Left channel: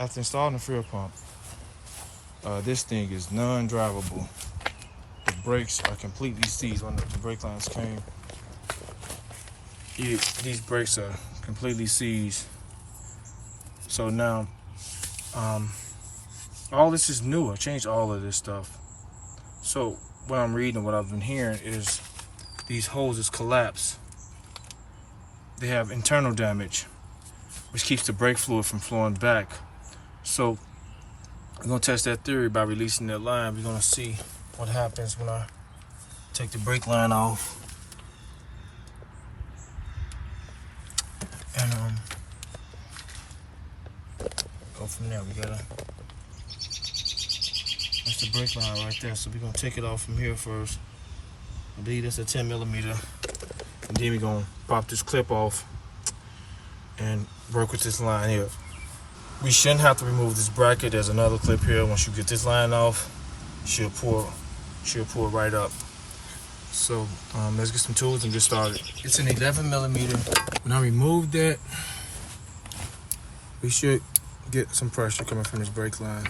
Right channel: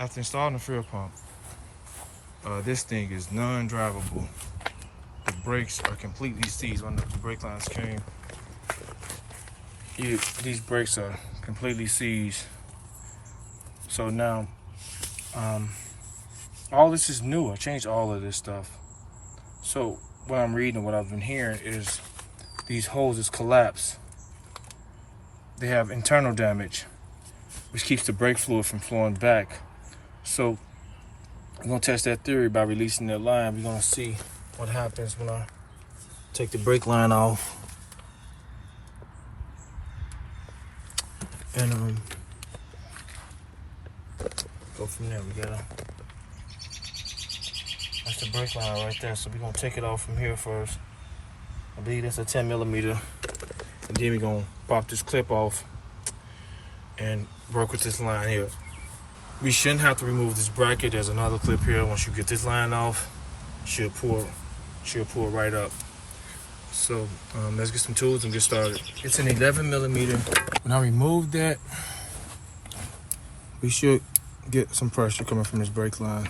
after installing the fuel pump, this thing is non-drivable. The brakes are completely seized. When the brake lines came, these brakes are completely seized. So now, all this is new. I changed all of this stuff. So what I'm reading, what I've been hearing is these hoses collapse. They have internal damage, which keeps the brake fluid from flowing back. So we're gonna test that theory by releasing that line. We're gonna see what happens when I take the brake line off. And go from there. That's the brake line right there. So we're gonna take it off from here first. I believe that's a 10mm. And then we're gonna pop this clip off and work with this line here. We shouldn't have to remove this bracket. There's another clip here. Once you get this line off, she'll pull right up. So let's get some tools and get started. It's an 11mm. When I remove that, we should get some pressure coming from this brake line.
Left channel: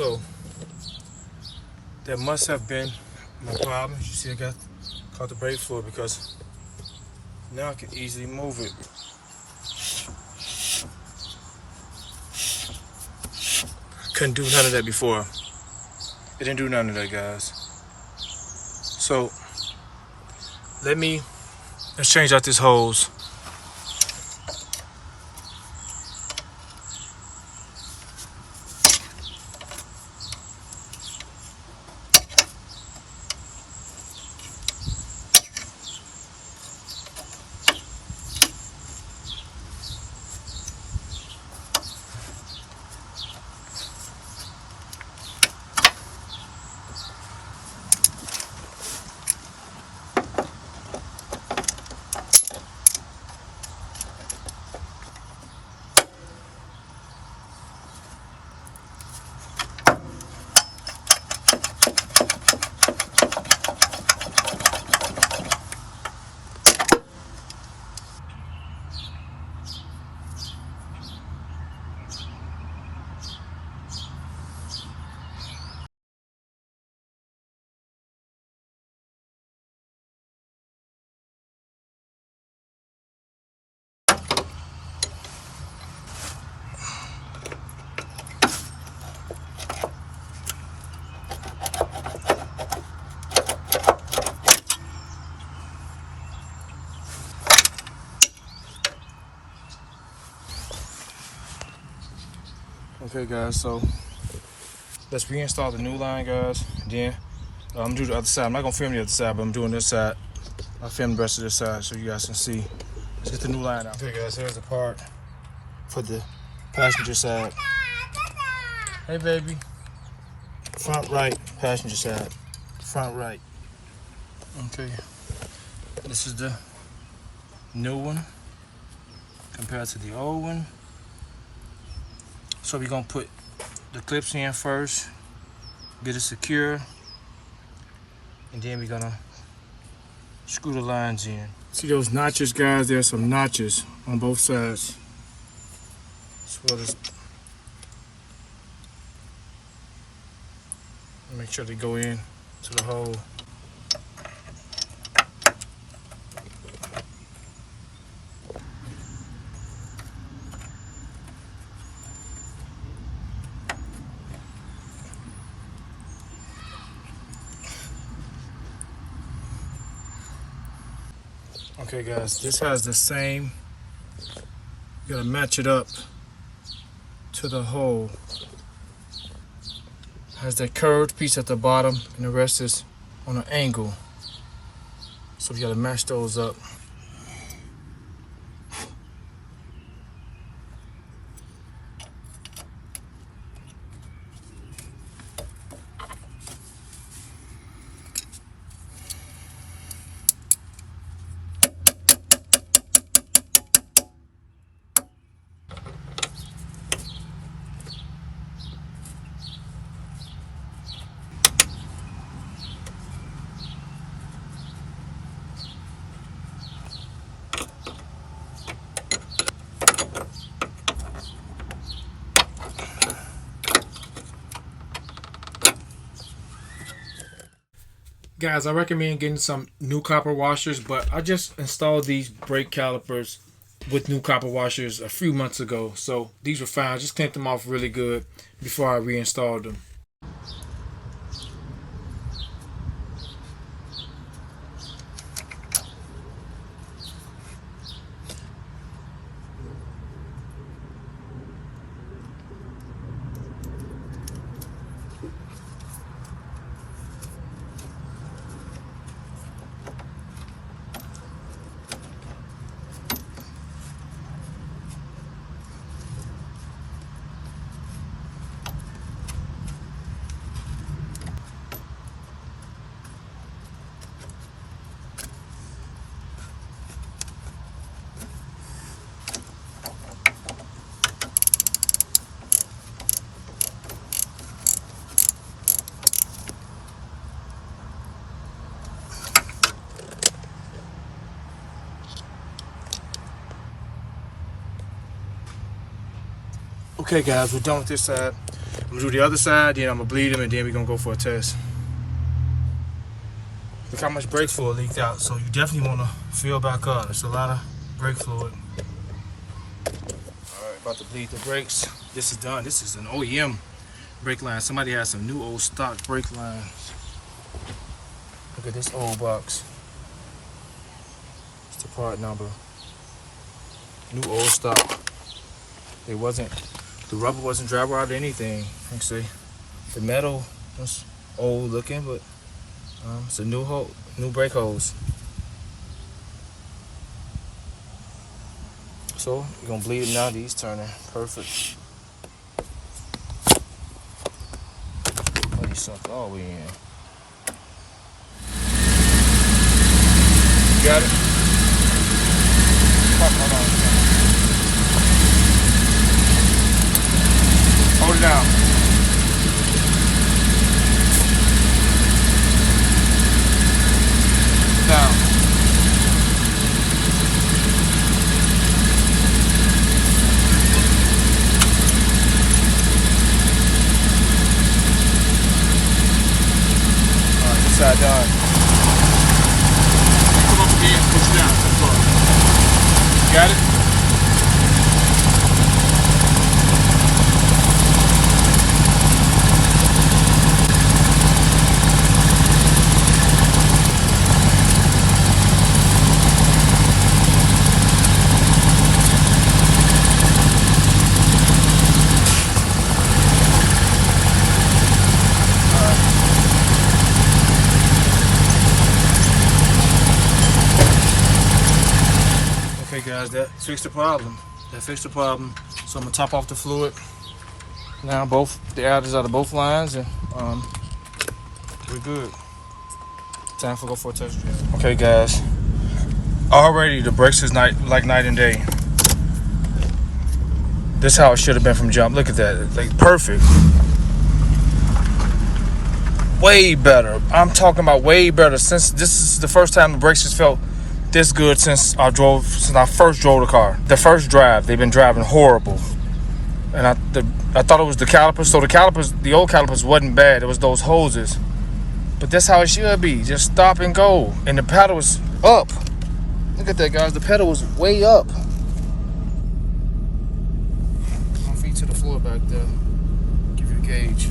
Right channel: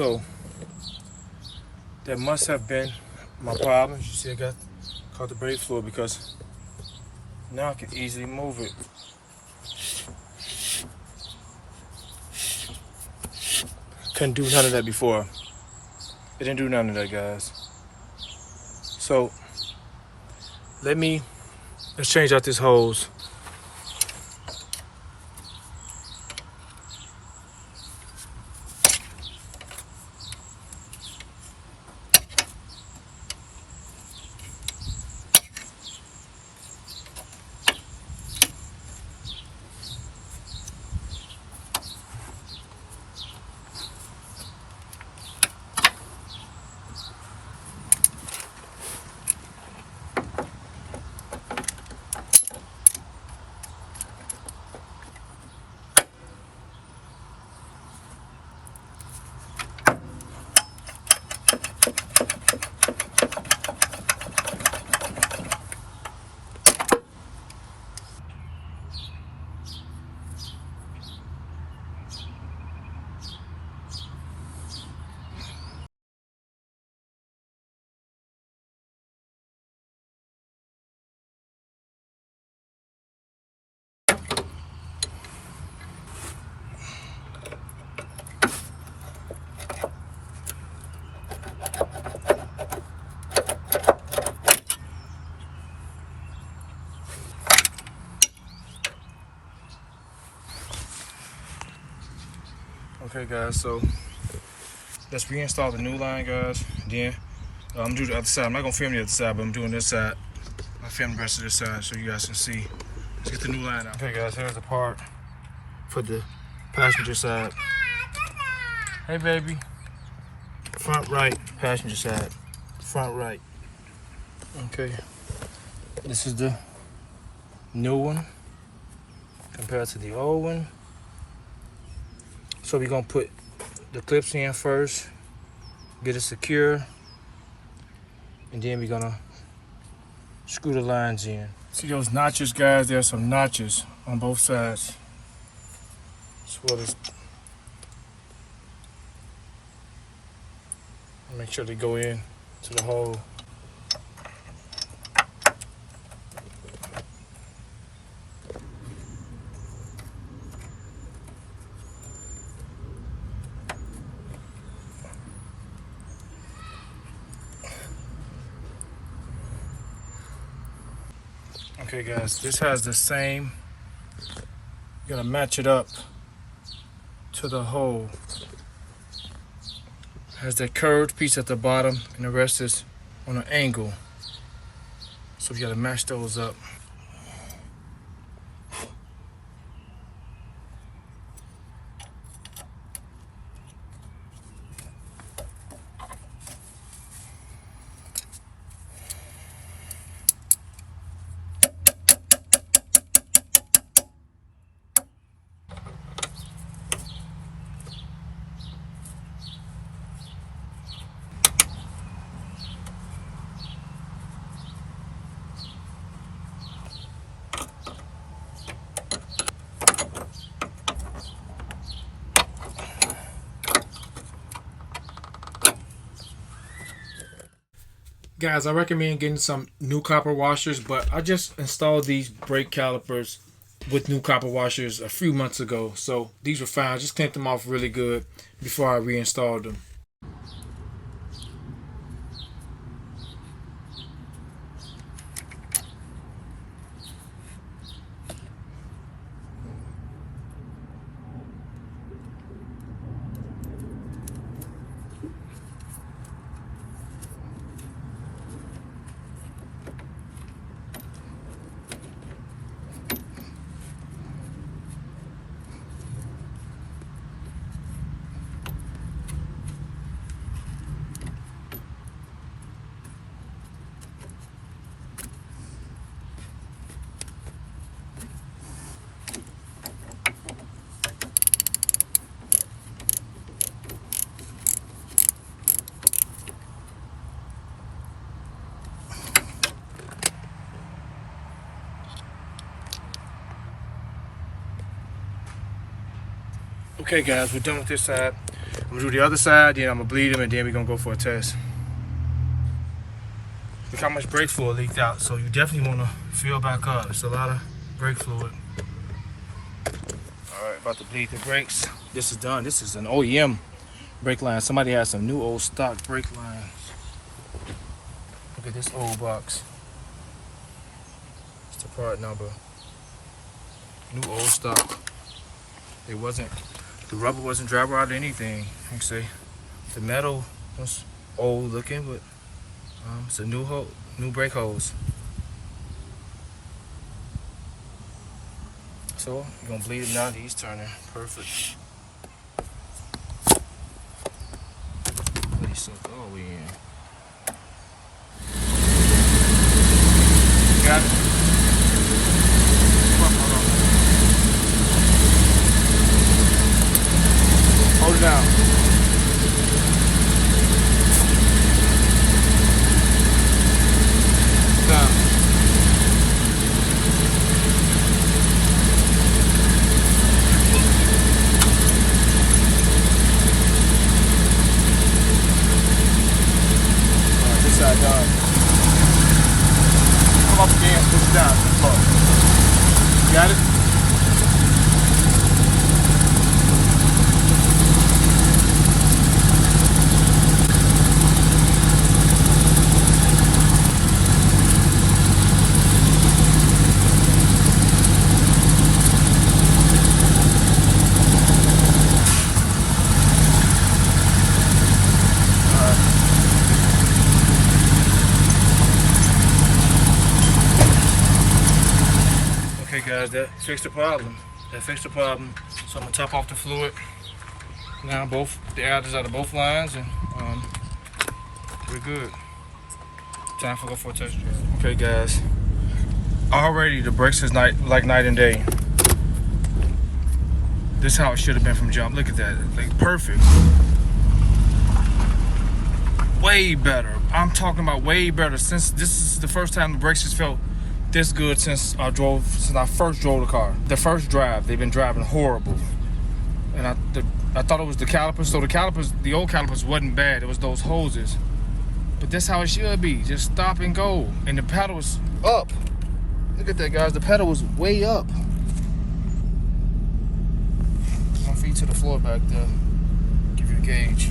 So that must have been my problem. You see, I caught the brake fluid, because now I can easily move it. Couldn't do none of that before. It didn't do none of that, guys. So let's change out this hose. Okay, guys, so let's reinstall the new line, guys. Then I'm gonna do the other side. I'm not gonna film the other side, but I'm doing this side. I'll film the rest of this side so you guys can see. Let's get the new line out. Okay, guys, here's the part for the passenger side. Hey, baby. Front right, passenger side. Front right. Okay. This is the new one compared to the old one. So we're gonna put the clips in first, get it secure, and then we're gonna screw the lines in. See those notches, guys? There's some notches on both sides. That's what it's. Make sure they go in to the hole. Okay, guys, this has the same, you gotta match it up to the hole. Has that curved piece at the bottom, and the rest is on an angle. So we gotta match those up. Guys, I recommend getting some new copper washers, but I just installed these brake calipers with new copper washers a few months ago. So these were fine. I just cleaned them off really good before I reinstalled them. Okay guys, we're done with this side. I'm gonna do the other side, then I'm gonna bleed them, and then we're gonna go for a test. Look how much brake fluid leaked out, so you definitely wanna fill back up. It's a lot of brake fluid. All right, about to bleed the brakes. This is done. This is an OEM brake line. Somebody has some new old stock brake lines. Look at this old box. It's the part number. New old stock. It wasn't, the rubber wasn't dry rot or anything. You can see the metal was old looking, but it's a new brake hose. So you're gonna bleed them now. These turning perfect. Oh, these sucked all the way in. You got it? Hold on. Hold it down. Down. This side down. Come up again, push down to the floor. Got it? Guys, that fixed the problem. So I'm gonna top off the fluid. Now both the adders out of both lines, and we're good. Time for go for a test drive. Okay, guys. Already the brakes is like night and day. This is how it should have been from jump. Look at that, like perfect. Way better. I'm talking about way better. Since this is the first time the brakes has felt this good since I first drove the car. The first drive, they've been driving horrible. And I thought it was the calipers. So the old calipers wasn't bad. It was those hoses. But that's how it should be. Just stop and go. And the pedal was up. Look at that, guys. The pedal was way up. My feet to the floor back there. Give you the gauge.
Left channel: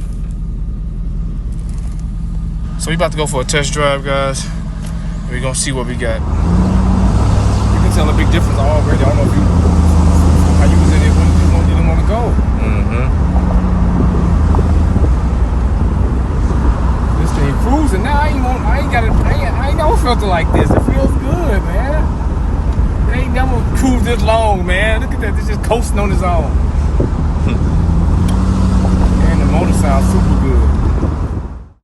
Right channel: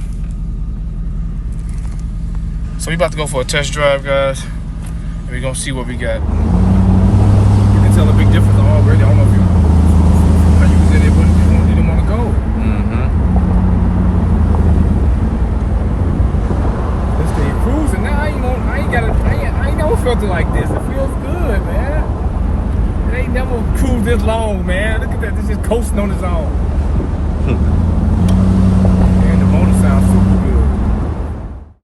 So we about to go for a test drive, guys. And we're gonna see what we got. Tell a big difference already. I don't know if how you said they didn't want to go. They stay cruising now. I ain't never felt it like this. It feels never cruised this long, man. Look at that, this just coasting on its own.